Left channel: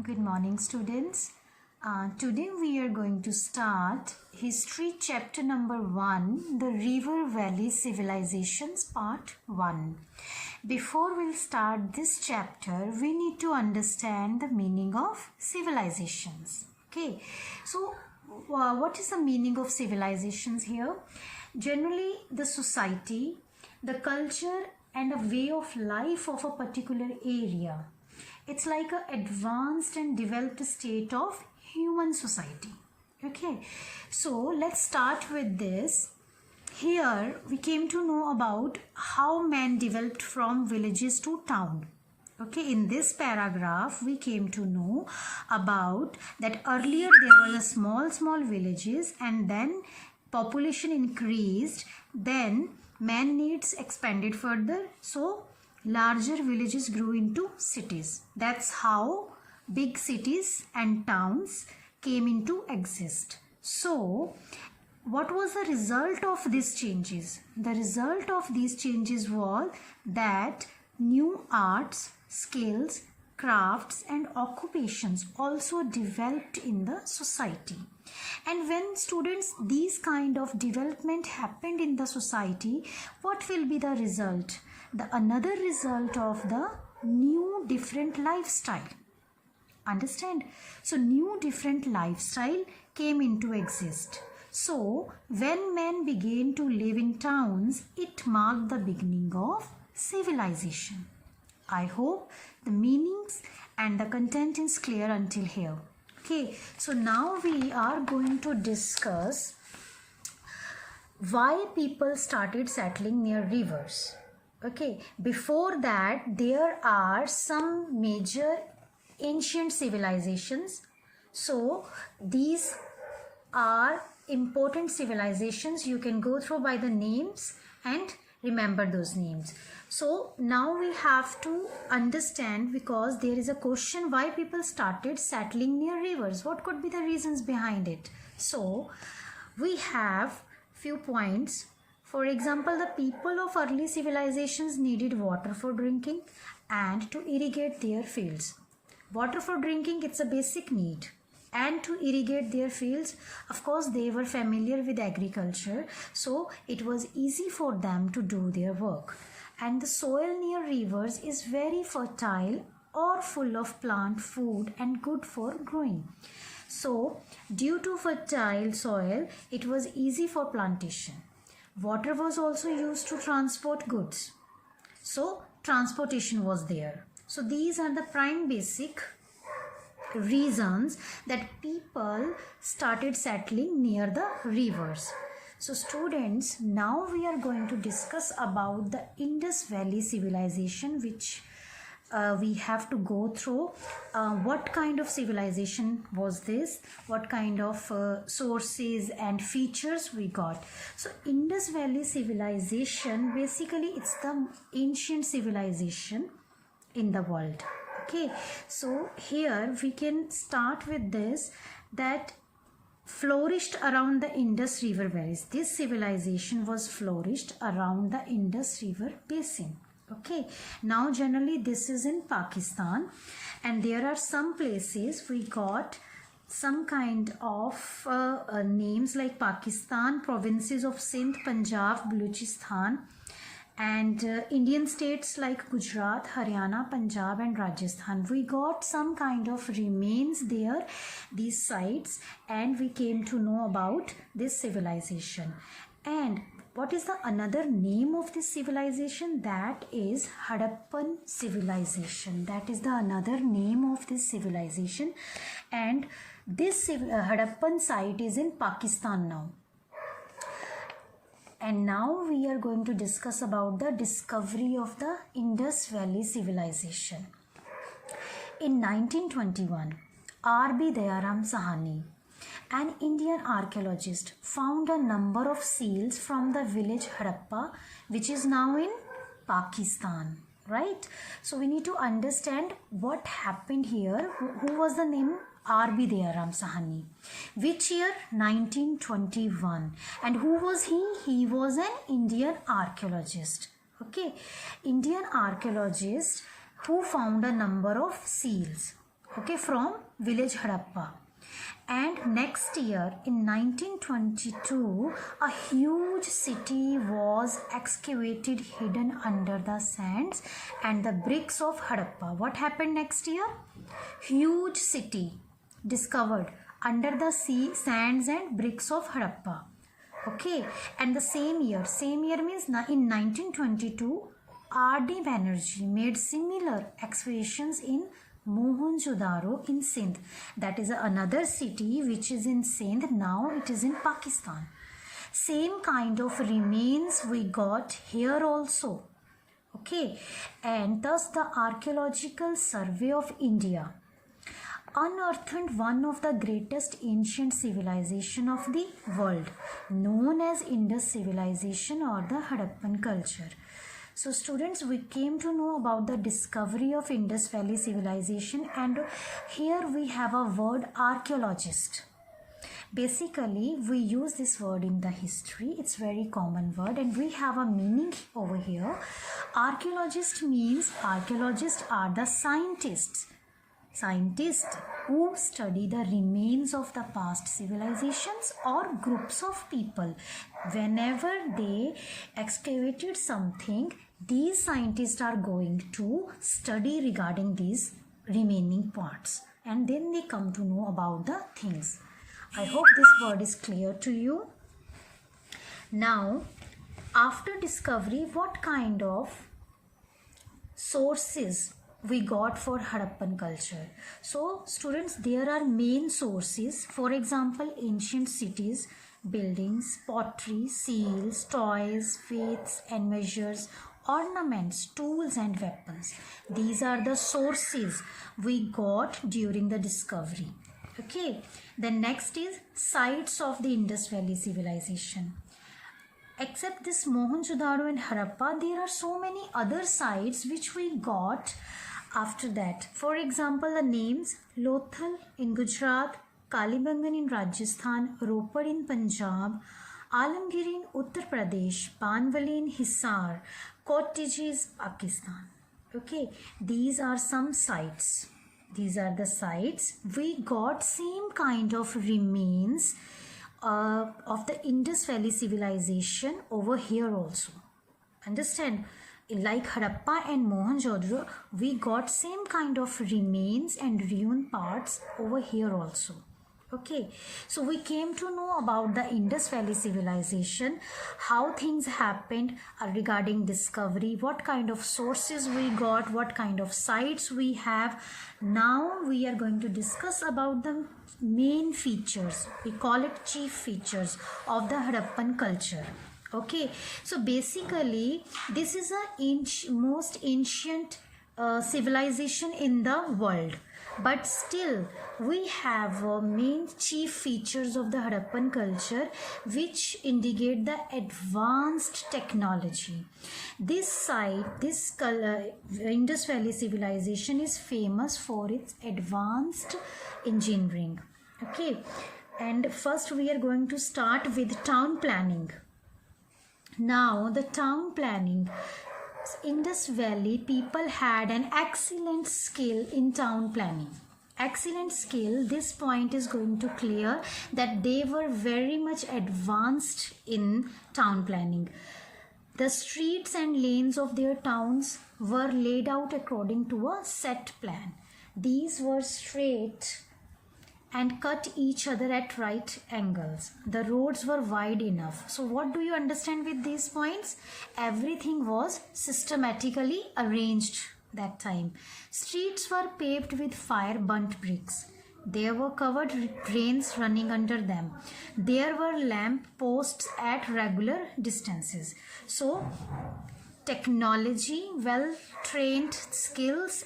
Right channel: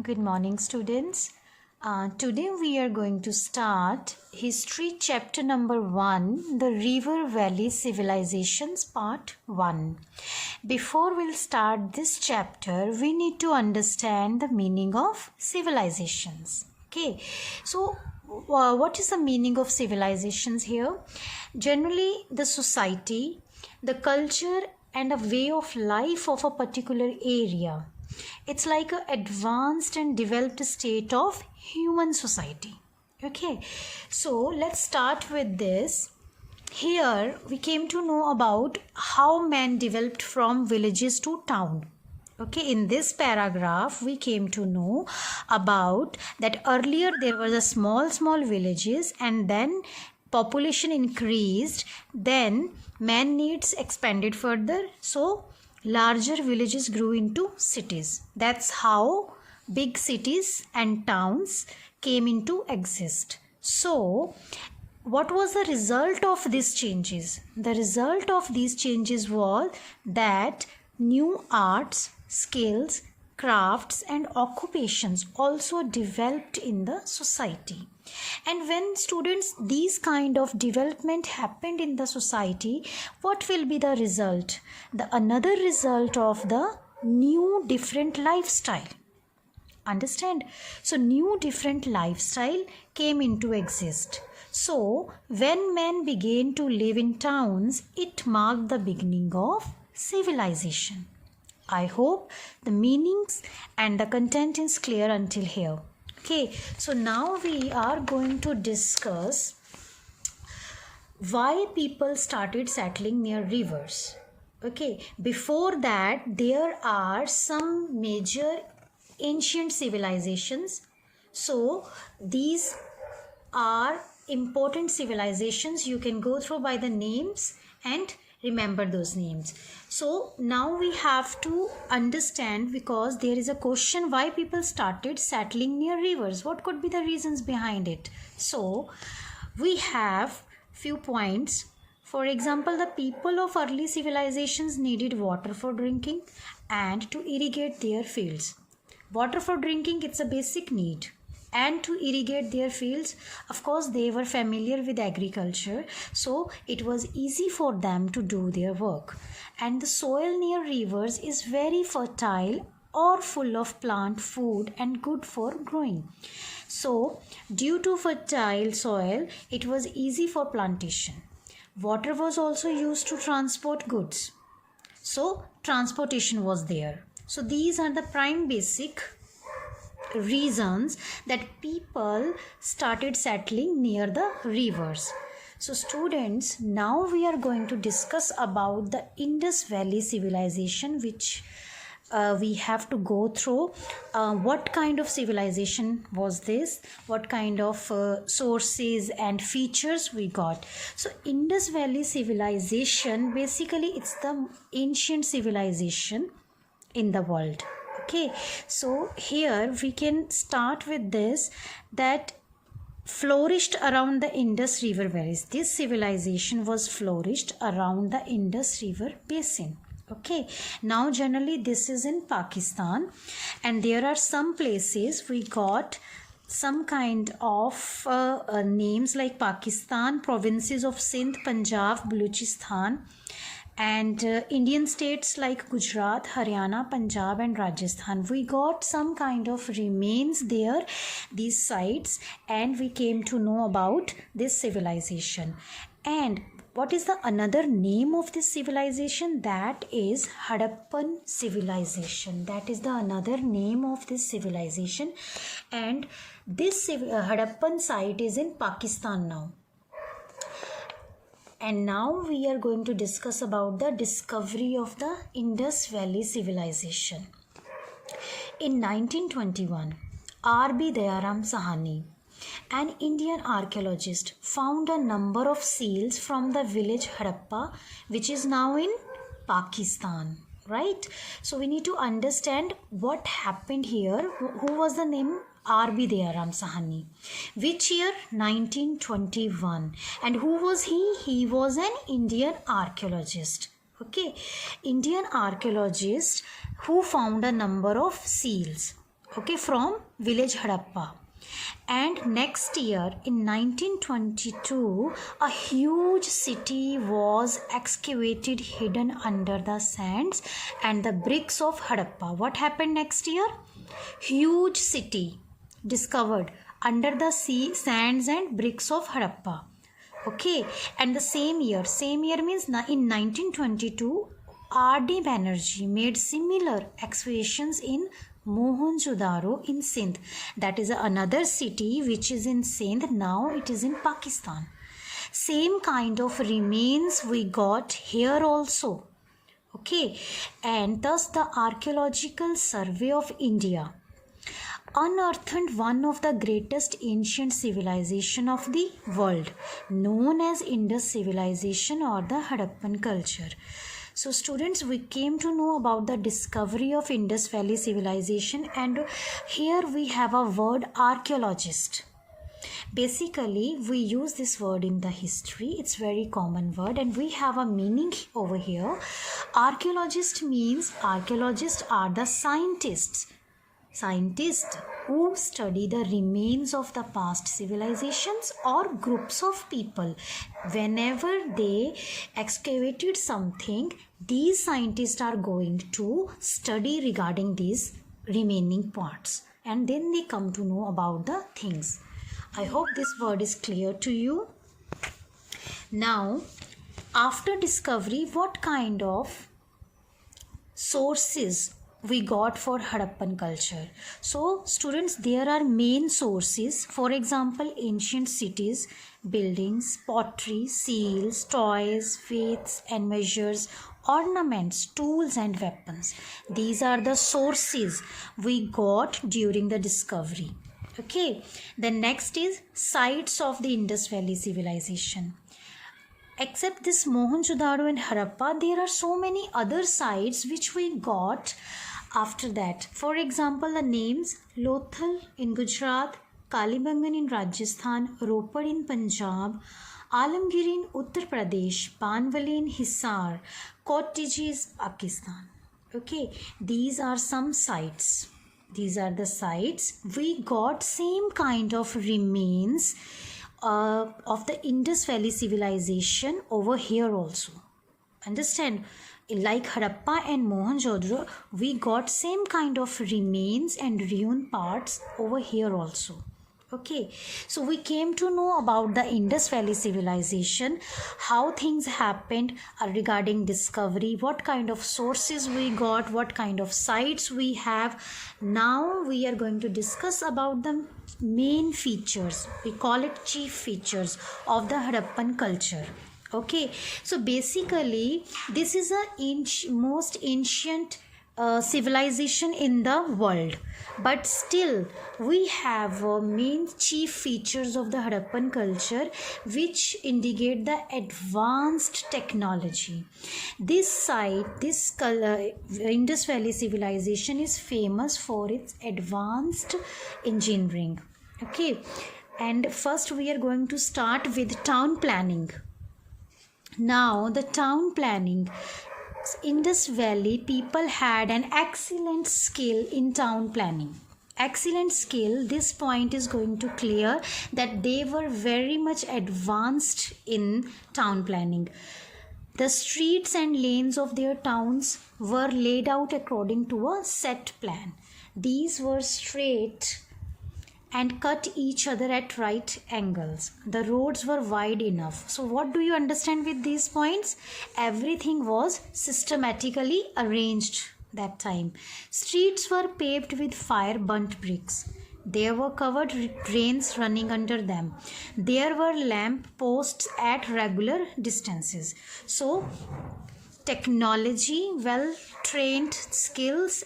Good morning, students. Today we are going to start History chapter number 1, the River Valley Civilizations part 1. Before we'll start this chapter, we need to understand the meaning of civilizations. Okay, so what is the meaning of civilizations here? Generally, the society, the culture and a way of life of a particular area. It's like an advanced and developed state of human society. Okay, so let's start with this. Here we came to know about how man developed from villages to town. Okay, in this paragraph we came to know about that earlier there were the small villages, and then population increased, then man needs expanded further, so larger villages grew into cities. That's how big cities and towns came into exist. So what was the result of these changes? The result of these changes was that new arts, skills, crafts and occupations also developed in the society. And when students, these kind of development happened in the society, what will be the result? Another result of the new different lifestyle. Understand? So new different lifestyle came into exist. So when men began to live in towns, it marked the beginning of civilization. I hope the meanings and the content is clear until here. Okay, so now we are going to discuss why people started settling near rivers. Okay, before that there are some major ancient civilizations. So these are important civilizations. You can go through by the names and remember those names. So now we have to understand, because there is a question why people started settling near rivers. What could be the reasons behind it? So we have few points. For example, the people of early civilizations needed water for drinking and to irrigate their fields. Water for drinking, it's a basic need. And to irrigate their fields, of course they were familiar with agriculture, so it was easy for them to do their work. And the soil near rivers is very fertile or full of plant food and good for growing. So due to fertile soil, it was easy for plantation. Water was also used to transport goods, so transportation was there. So these are the prime basic reasons that people started settling near the rivers. So students, now we are going to discuss about the Indus Valley civilization, which we have to go through. What kind of civilization was this? What kind of sources and features we got? So Indus Valley civilization, basically it's the ancient civilization in the world. Okay, so here we can start with this, that flourished around the Indus River valleys. This civilization was flourished around the Indus River basin. Okay, now generally this is in Pakistan, and there are some places we got some kind of names like Pakistan, provinces of Sindh, Punjab, Baluchistan, and Indian states like Gujarat, Haryana, Punjab and Rajasthan. We got some kind of remains there, these sites, and we came to know about this civilization. And what is the another name of this civilization? That is Harappan civilization. That is the another name of this civilization, and this Harappan site is in Pakistan now. And now we are going to discuss about the discovery of the Indus Valley civilization. In 1921, R.B. Dayaram Sahani, an Indian archaeologist, found a number of seals from the village Harappa, which is now in Pakistan. Right? So we need to understand what happened here. Who was the name? R.B. Dayaram Sahani. Which year? 1921. And who was he? He was an Indian archaeologist. Okay, Indian archaeologist who found a number of seals. okay, from village Harappa. And next year in 1922 a huge city was excavated hidden under the sands and the bricks of Harappa. What happened next year? Huge city discovered under the sea, sands and bricks of Harappa. Okay, and the same year means in 1922 R.D. Banerjee made similar excavations in Mohenjo-daro in Sindh. That is another city which is in Sindh. Now it is in Pakistan. Same kind of remains we got here also. Okay, and thus the Archaeological Survey of India unearthed one of the greatest ancient civilization of the world, known as Indus civilization or the Harappan culture. So students, we came to know about the discovery of Indus Valley civilization, and here we have a word archaeologist. Basically, we use this word in the history. It's very common word and we have a meaning over here. Archaeologist means archaeologists are the scientists who study the remains of the past civilizations or groups of people. Whenever they excavated something, these scientists are going to study regarding these remaining parts and then they come to know about the things. I hope this word is clear to you. Now, after discovery, what kind of sources we got for Harappan culture? So students, there are main sources. For example, ancient cities, buildings, pottery, seals, toys, weights and measures, ornaments, tools and weapons. These are the sources we got during the discovery. Okay, the next is sites of the Indus Valley civilization. Except this Mohenjo-daro and Harappa, there are so many other sites which we got after that. For example, the names Lothal in Gujarat, Kalibangan in Rajasthan, Ropar in Punjab, Alamgir in Uttar Pradesh, Panwali in Hisar, Kotiji is Pakistan. Okay, these are some sites. These are the sites we got same kind of remains of the Indus Valley civilization over here also. Understand? Like Harappa and Mohenjo-daro, we got same kind of remains and ruin parts over here also. Okay, so we came to know about the Indus Valley civilization, how things happened regarding discovery, what kind of sources we got, what kind of sites we have. Now we are going to discuss about the main features, we call it chief features of the Harappan culture. Okay, so basically this is the most ancient civilization in the world, but still we have main chief features of the Harappan culture which indicate the advanced technology. This site, this Indus Valley civilization is famous for its advanced engineering. Okay, and first we are going to start with town planning. Now the town planning. Indus Valley people had an excellent skill in town planning. Excellent skill, this point is going to clear that they were very much advanced in town planning. The streets and lanes of their towns were laid out according to a set plan. These were straight and cut each other at right angles. The roads were wide enough. So what do you understand with these points? Everything was systematically arranged that time. Streets were paved with fire burnt bricks. There were covered drains running under them. There were lamp posts at regular distances. So technology, well-trained skills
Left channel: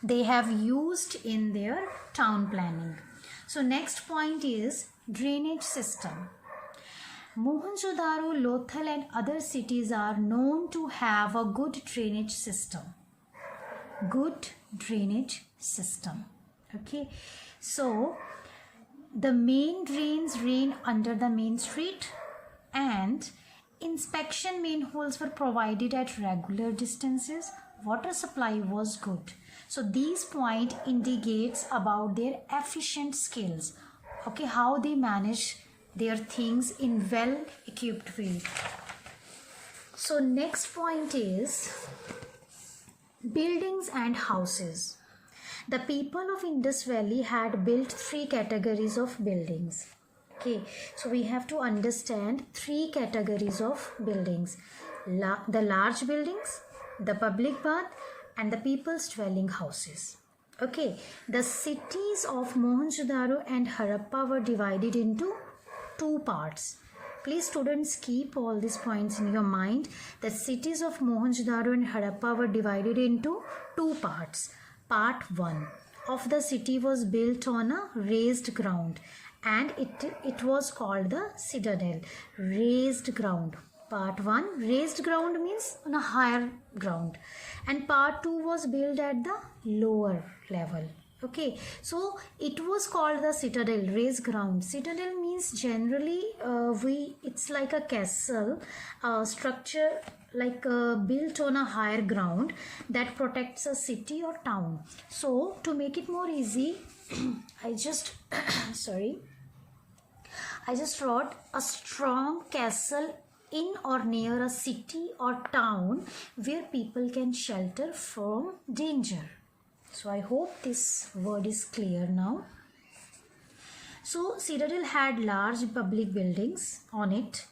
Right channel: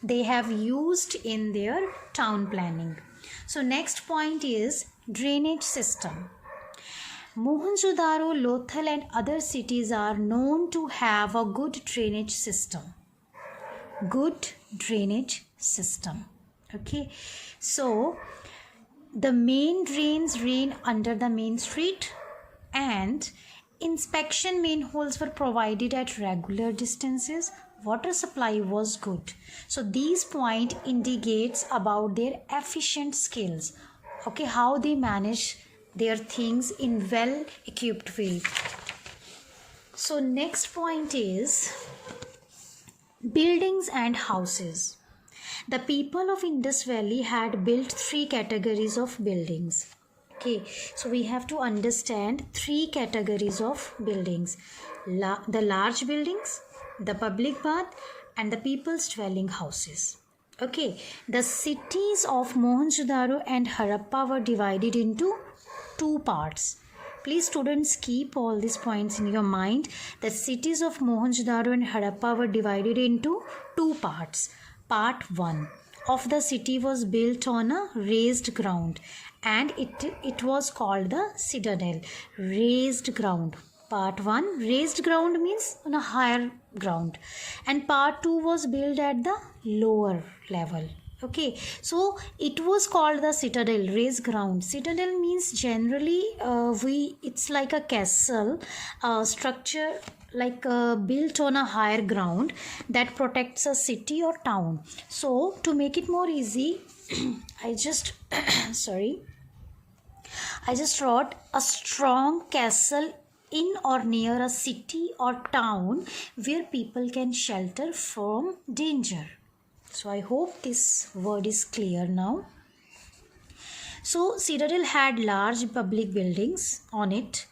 they have used in their town planning. So next point is drainage system. Mohenjo-daro, Lothal and other cities are known to have a good drainage system. Good drainage system. Okay. So the main drains ran under the main street and inspection manholes were provided at regular distances. water supply was good. So these point indicates about their efficient skills. Okay, how they manage their things in well equipped way. So next point is buildings and houses. The people of Indus Valley had built three categories of buildings. Okay, so we have to understand three categories of buildings. The large buildings, the public bath, and the people's dwelling houses. Okay, the cities of Mohenjo-daro and Harappa were divided into two parts. Please students, keep all these points in your mind. The cities of Mohenjo-daro and Harappa were divided into two parts. Part 1 of the city was built on a raised ground and it was called the citadel. Raised ground. Part 1, raised ground means on a higher ground, and part 2 was built at the lower level. Okay, so it was called the citadel, raised ground. Citadel means generally it's like a castle structure, like built on a higher ground that protects a city or town. So to make it more easy, I just wrote a strong castle in or near a city or town where people can shelter from danger. So I hope this word is clear now. So citadel had large public buildings on it.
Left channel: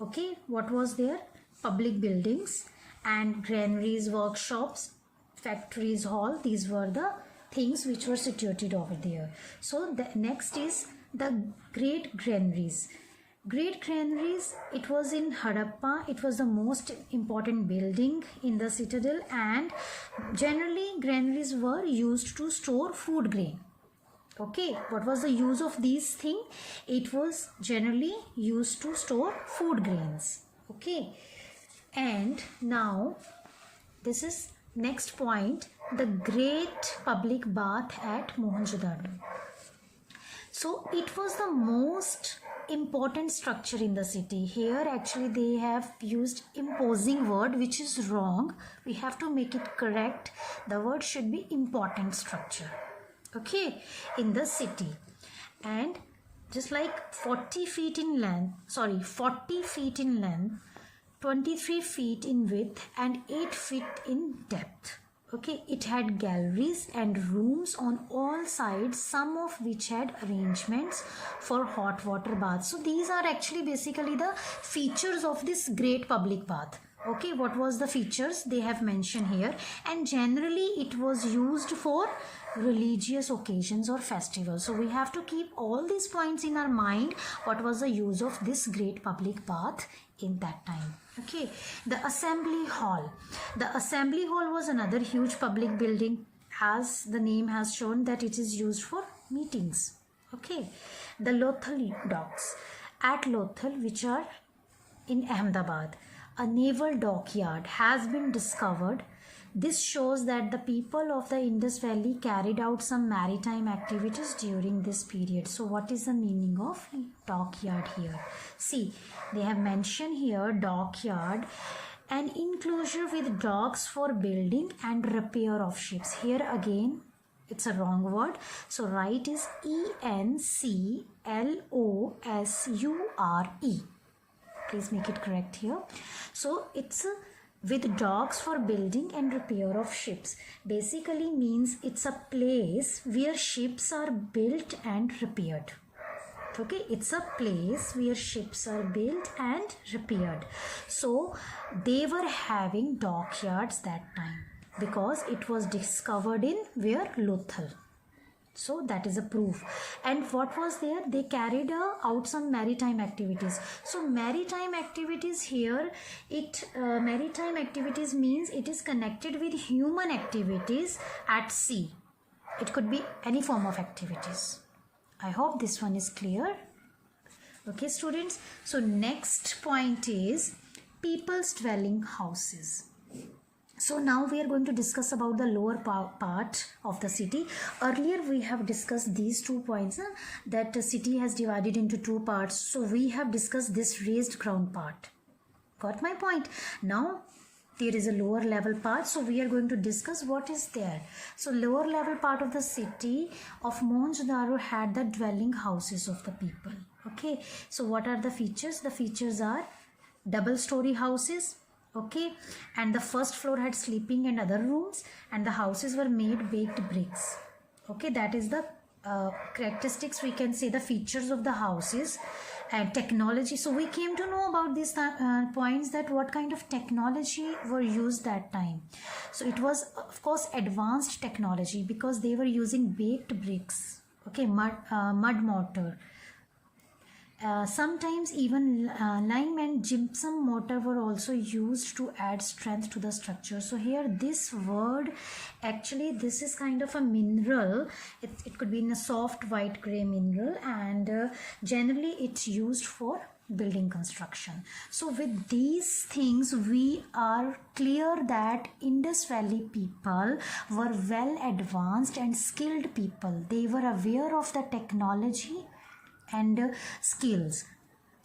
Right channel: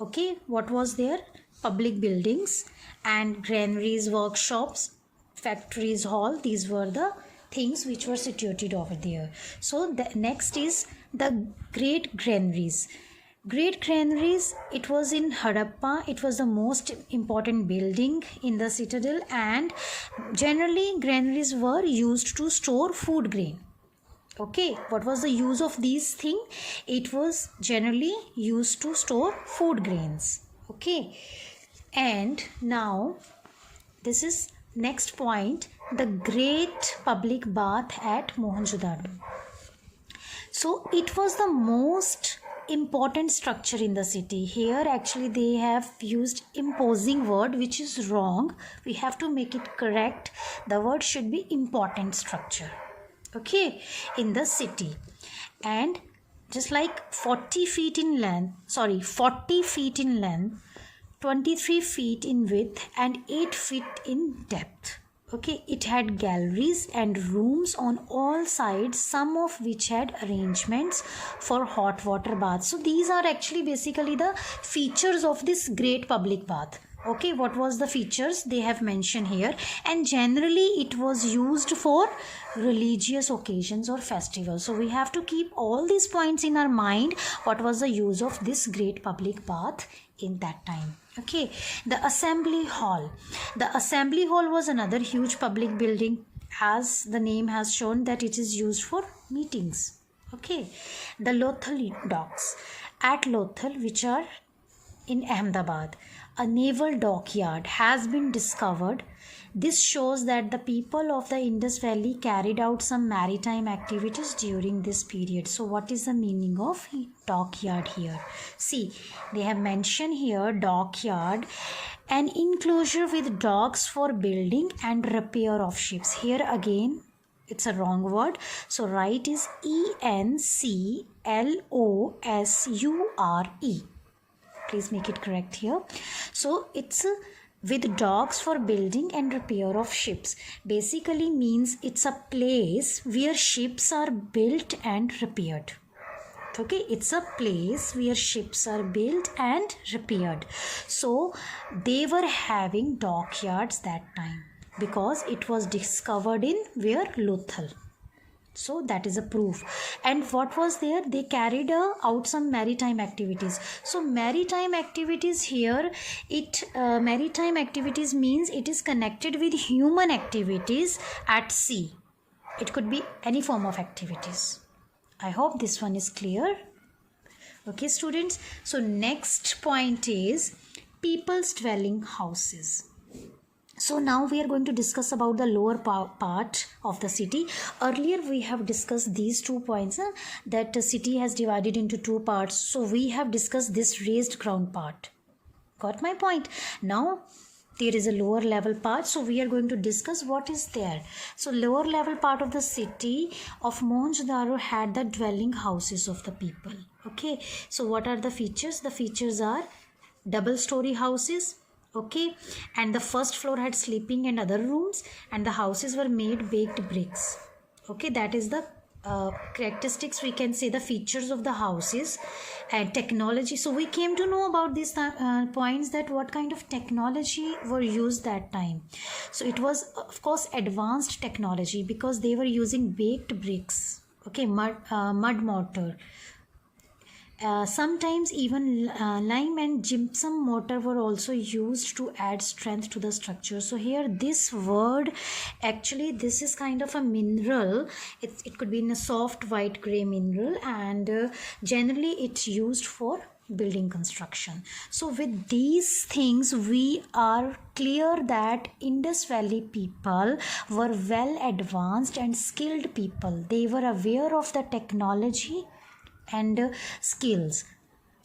Okay, what was there? Public buildings and granaries, workshops, factories, hall. These were the things which were situated over there. So the next is the great granaries. Great granaries, it was in Harappa. It was the most important building in the citadel, and generally granaries were used to store food grain. Okay, what was the use of these things? It was generally used to store food grains. Okay, and now this is next point, the great public bath at Mohenjo-daro. So it was the most important structure in the city. Here actually they have used imposing word, which is wrong. We have to make it correct. The word should be important structure. Okay, in the city. And just like 40 feet in length, 23 feet in width and 8 feet in depth. Okay, it had galleries and rooms on all sides, some of which had arrangements for hot water baths. So these are actually basically the features of this great public bath. Okay, what was the features they have mentioned here, and generally it was used for religious occasions or festivals. So we have to keep all these points in our mind. What was the use of this great public bath in that time? Okay, the assembly hall. The assembly hall was another huge public building, as the name has shown that it is used for meetings. Okay, the Lothal docks at Lothal, which are in Ahmedabad, a naval dockyard has been discovered. This shows that the people of the Indus Valley carried out some maritime activities during this period. So what is the meaning of dockyard here? See, they have mentioned here dockyard, an enclosure with docks for building and repair of ships. Here again it's a wrong word, so right is ENCLOSURE. Please make it correct here. So it's with docks for building and repair of ships. Basically means it's a place where ships are built and repaired. Okay, it's a place where ships are built and repaired. So they were having dockyards that time because it was discovered in where? Lothal. So that is a proof. And what was there? They carried out some maritime activities. So maritime activities here, maritime activities means it is connected with human activities at sea. It could be any form of activities. I hope this one is clear. Okay, students. So next point is people's dwelling houses. So now we are going to discuss about the lower part of the city. Earlier we have discussed these 2 points, that the city has divided into 2 parts. So we have discussed this raised ground part. Got my point? Now there is a lower level part, so we are going to discuss what is there. So lower level part of the city of Mohenjo-daro had the dwelling houses of the people. Okay, so what are the features? The features are double story houses, okay, and the first floor had sleeping and other rooms, and the houses were made baked bricks. Okay, that is the characteristics, we can say, the features of the houses. And technology, so we came to know about these points, that what kind of technology were used that time. So it was of course advanced technology, because they were using baked bricks, okay, mud mortar. Sometimes even lime and gypsum mortar were also used to add strength to the structure. So here this word, actually this is kind of a mineral. It could be in a soft white gray mineral, and generally it's used for building construction. So with these things we are clear that Indus Valley people were well advanced and skilled people. They were aware of the technology and skills.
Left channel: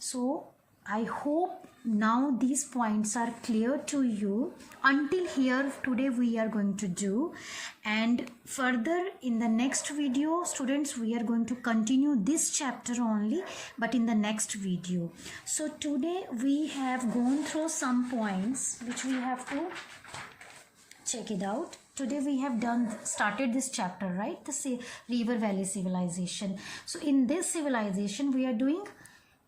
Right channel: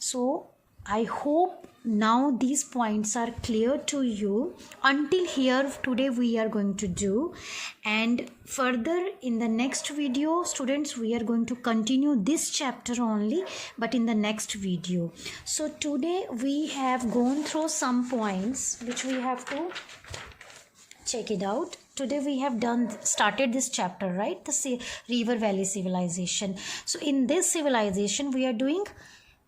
So I hope now these points are clear to you. Until here today we are going to do, and further in the next video, students, we are going to continue this chapter only, but in the next video. So today we have gone through some points which we have to check it out. Today we have started this chapter, right? The River Valley Civilization. So in this civilization we are doing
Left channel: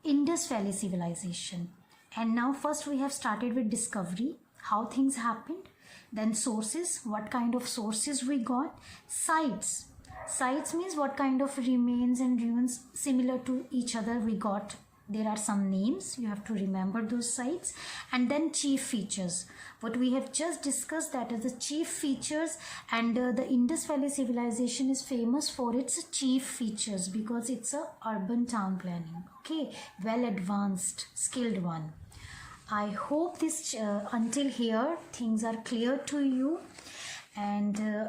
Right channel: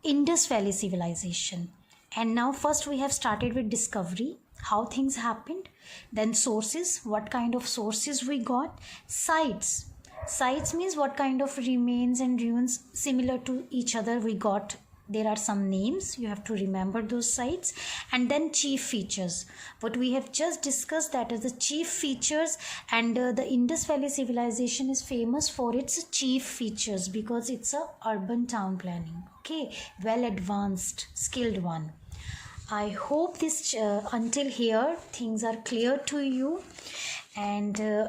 Indus Valley Civilization. And now first we have started with discovery, how things happened. Then sources, what kind of sources we got. Sites. Sites means what kind of remains and ruins similar to each other we got. There are some names, you have to remember those sites. And then chief features, what we have just discussed, that is the chief features. And the Indus Valley Civilization is famous for its chief features, because it's a urban town planning, okay, well advanced, skilled one. I hope this until here things are clear to you, and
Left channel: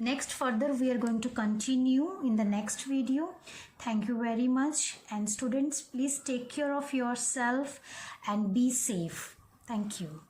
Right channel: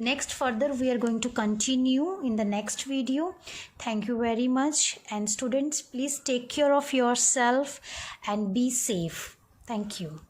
next further we are going to continue in the next video. Thank you very much, and students, please take care of yourself and be safe. Thank you.